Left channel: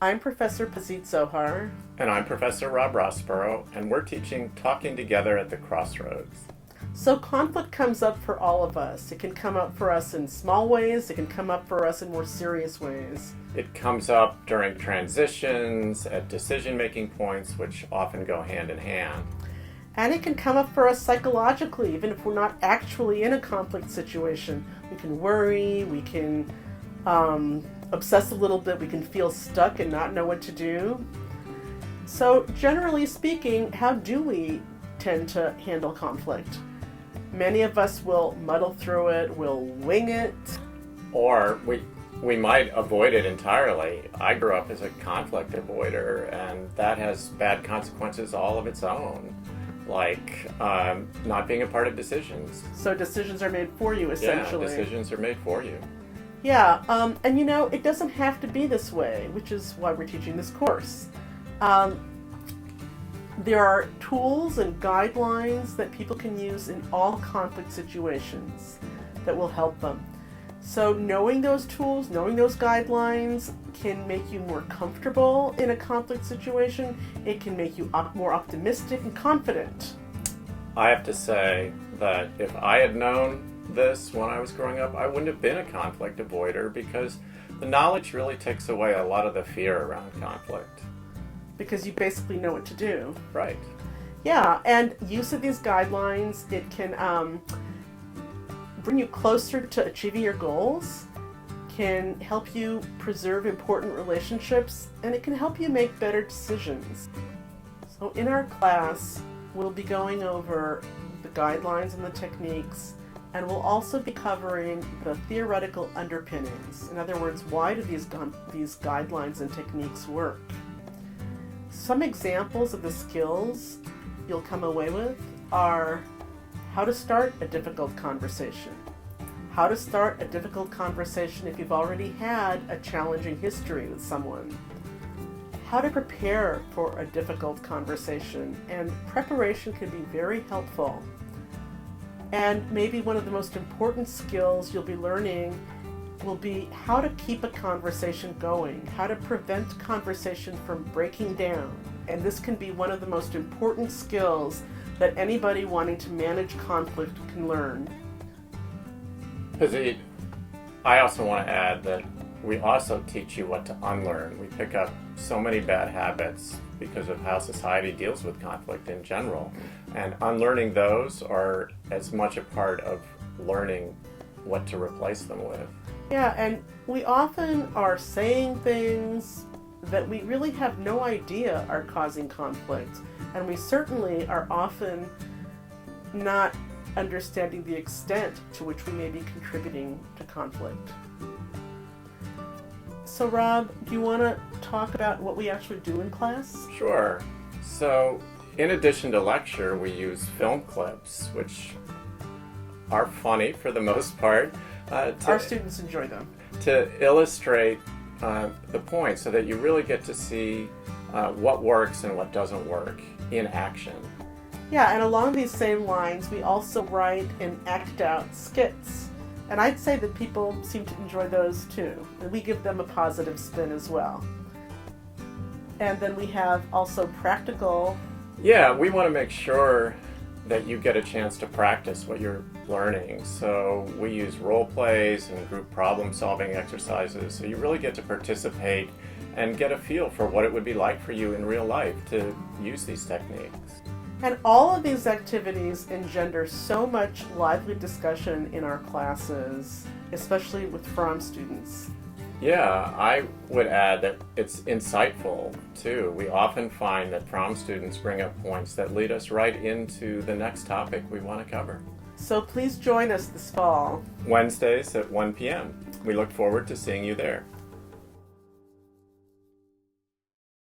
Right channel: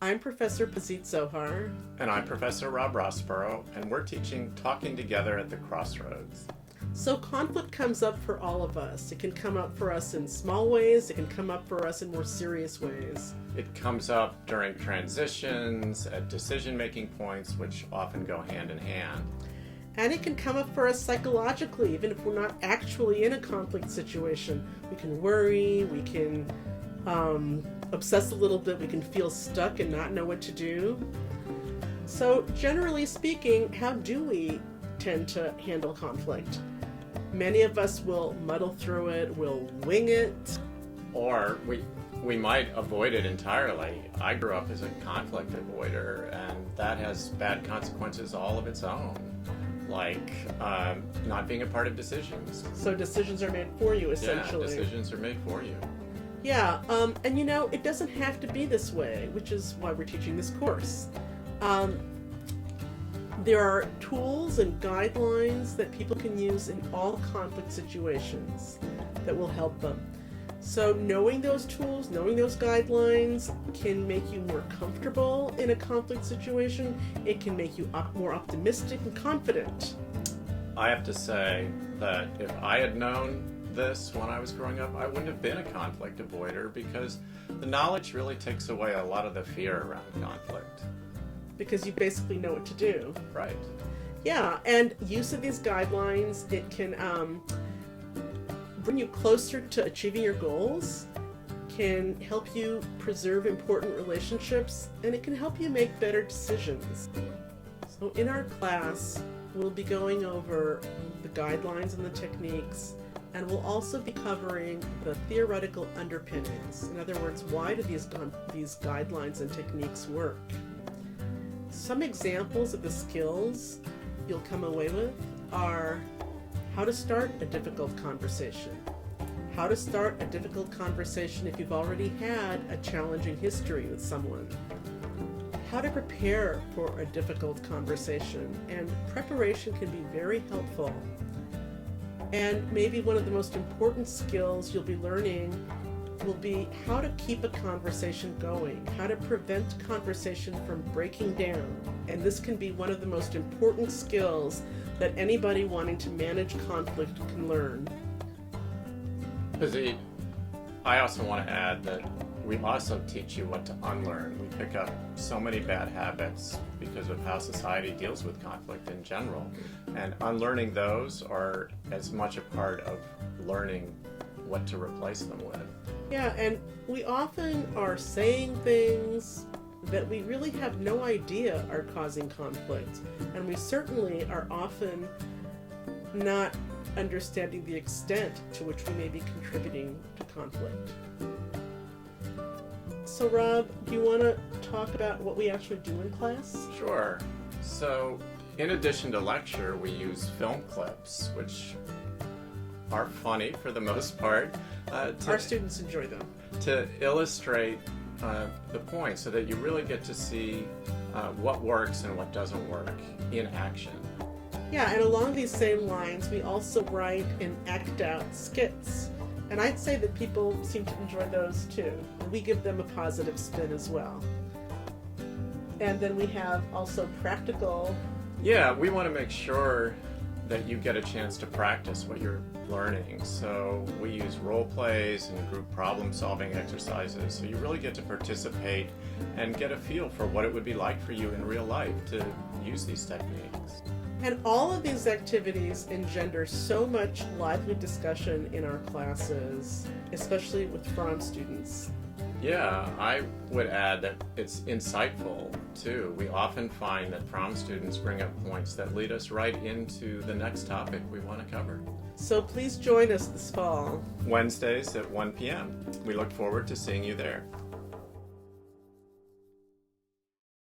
I'm Professor Pazit Zohar. And I'm Professor Rosborough, and we're teaching Talking Together at the Crossroads. So conflict comes up for all of us. It can come up for us in small ways, it can come up for us in more serious ways. It comes up during transitions, at decision-making points, which often go hand in hand. And it can come up for us psychologically, even if we're not actually in a conflict situation. We can worry, we can obsess a little bit, we can feel stuck and not know what to do. So generally speaking, how do we tend to handle conflict? Many of us will muddle through it, we'll wing it. Or we might avoid it entirely. I grew up as a conflict avoider, and that has bad consequences all of its own, like not being a part of decisions. So decisions are made for you, essentially. Yeah, decisions are made for you. Yeah, and it doesn't have to be this way, which is why we're teaching this course. There are tools and guidelines that people can use in all conflict situations that will help them. So knowing those tools, knowing those guidelines can make you more comfortable in a conflict situation. It can make you more optimistic and confident. I have to say that if I had known this when I was growing up, I wouldn't have been a conflict avoider, because the knowledge really takes away a lot of the fear around conflict. Because you basically know what to do. Right. Yeah, and use of these guidelines, it can bring you closer to achieving your goals, can help you preserve important relationships, and it can help you make better decisions. So in our class, we'll be going over the guidelines and the techniques, and we'll also be covering the theoretical underpinnings. In other words, why do these guidelines and techniques work? Some examples of the skills you'll come away with are how to start a difficult conversation, how to start a difficult conversation if you've already had a challenging history with someone, how to prepare for a difficult conversation, and preparation can be very helpful. And maybe one of the most important skills you'll be learning will be how to keep a conversation going, how to prevent conversation from breaking down. And this can be one of the most important skills that anybody wanting to manage conflict can learn. Pazit, I also want to add that we also teach you what to unlearn. We pick up so many bad habits because of how society deals with conflict in general. And unlearning those are as much a part of learning what to replace them with. Yeah, and we often are saying things that we really have no idea are causing conflict. And we certainly are often not understanding the extent to which we may be contributing to conflict. So Rob, do you want to talk about what we actually do in class? Sure. So, in addition to lecture, we use film clips, which are funny for the most part. Our students enjoy them. To illustrate the point, so that you really get to see what works and what doesn't work in action. Yeah, and along these same lines, we also write and act out skits. And I'd say that people seem to enjoy those too. And we give them a positive spin as well. And then we have also practical. Yeah, we want to make sure that you get a chance to practice what you're learning. So we use role plays and group problem solving exercises, so you really get to participate and get a feel for what it would be like for you in real life to use these techniques. And all of these activities engender so much lively discussion in our classes, especially with FROMM students. Yeah, I would add that it's insightful too. We often find that FROMM students bring up points that lead us right into the next topic we want to cover. So please join us this fall. Wednesdays at 1 p.m. We look forward to seeing you there.